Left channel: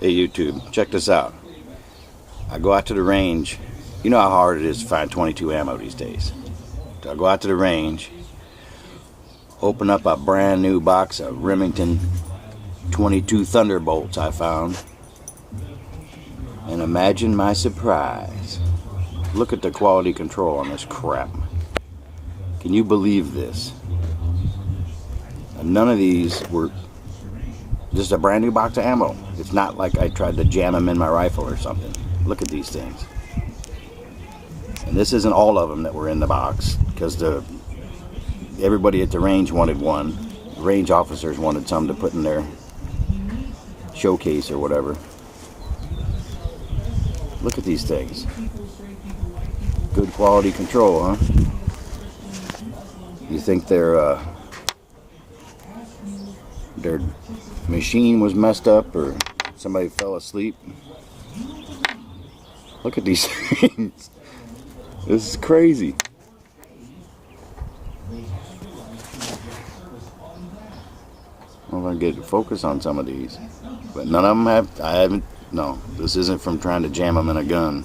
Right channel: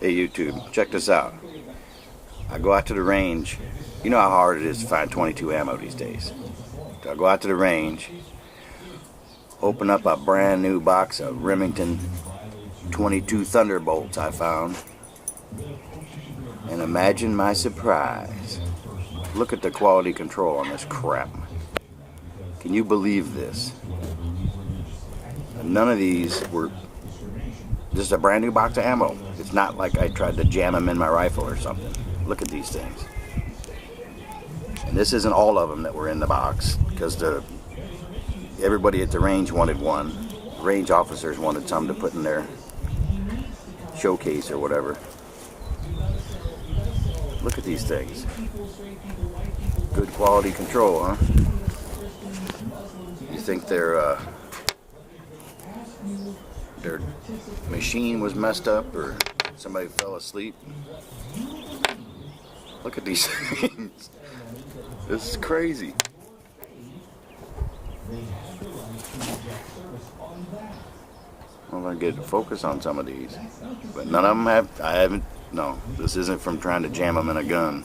Hey YouTube, check this out. I go out to the range. You know how hard it is to find 22 ammo these days. So I go out to the range, open up a brand new box of Remington 22 Thunderbolts I found, and imagine my surprise. Look at the quality control on this crap. Can you believe this? None of these were just a brand new box of ammo. It's not like I tried to jam them in my rifle or something. Look at these things. And this isn't all of them that were in the box, because everybody at the range wanted one. The range officers wanted some to put in their showcase or whatever. Look at these things. Good quality control, huh? You think their machine was messed up or somebody fell asleep? Look at these things. This is crazy. Well, I get to focus on some of these, but none of them have. No, this isn't from trying to jam them in a gun.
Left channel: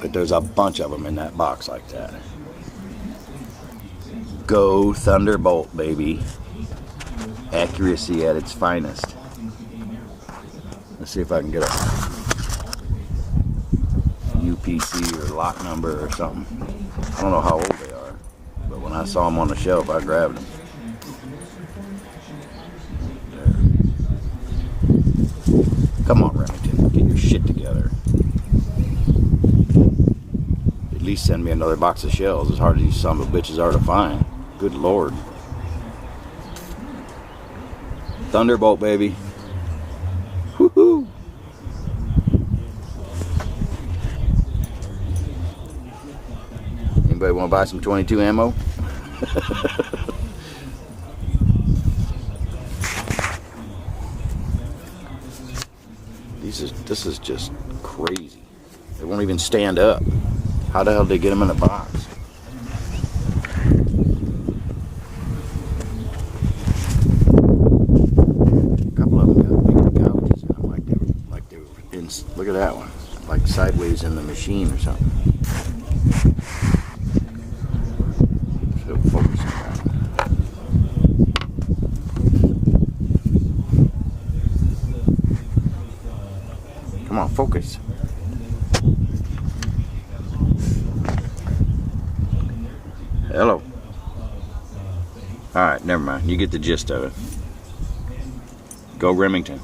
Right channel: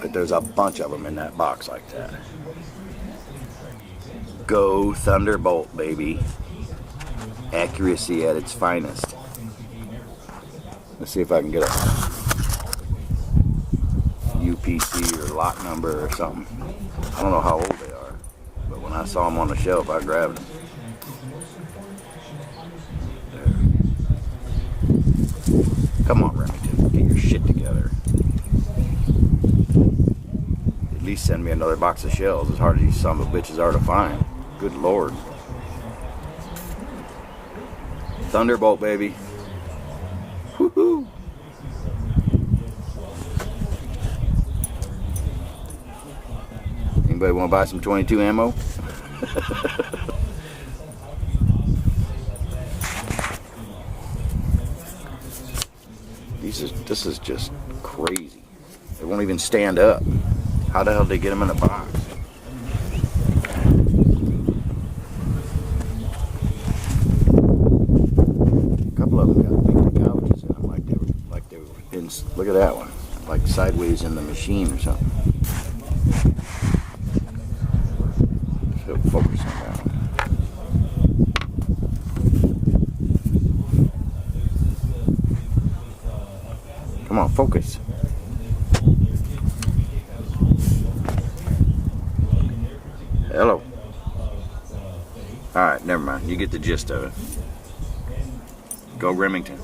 But there's a bunch of them in that box like that. Go Thunderbolt, baby. Accuracy at its finest. Let's see if I can get a UPC or lot number or something. I don't know how old they are, but when I saw them on the shelf, I grabbed them. There. Come on, Remington, get your shit together. At least send me another box of shells, as hard as these son of a bitches are to find. Good Lord. Thunderbolt, baby. Woohoo! Anybody want to buy some 22 ammo? This is just crazy. They won't even stand up. How the hell did they get them in a box? A couple of them got big gouges in them, like they were in. Look at that one, like sideways in the machine or something. So focus on that one. Come on, focus. Hello. Alright, never mind. You get the gist of it. Go Remington.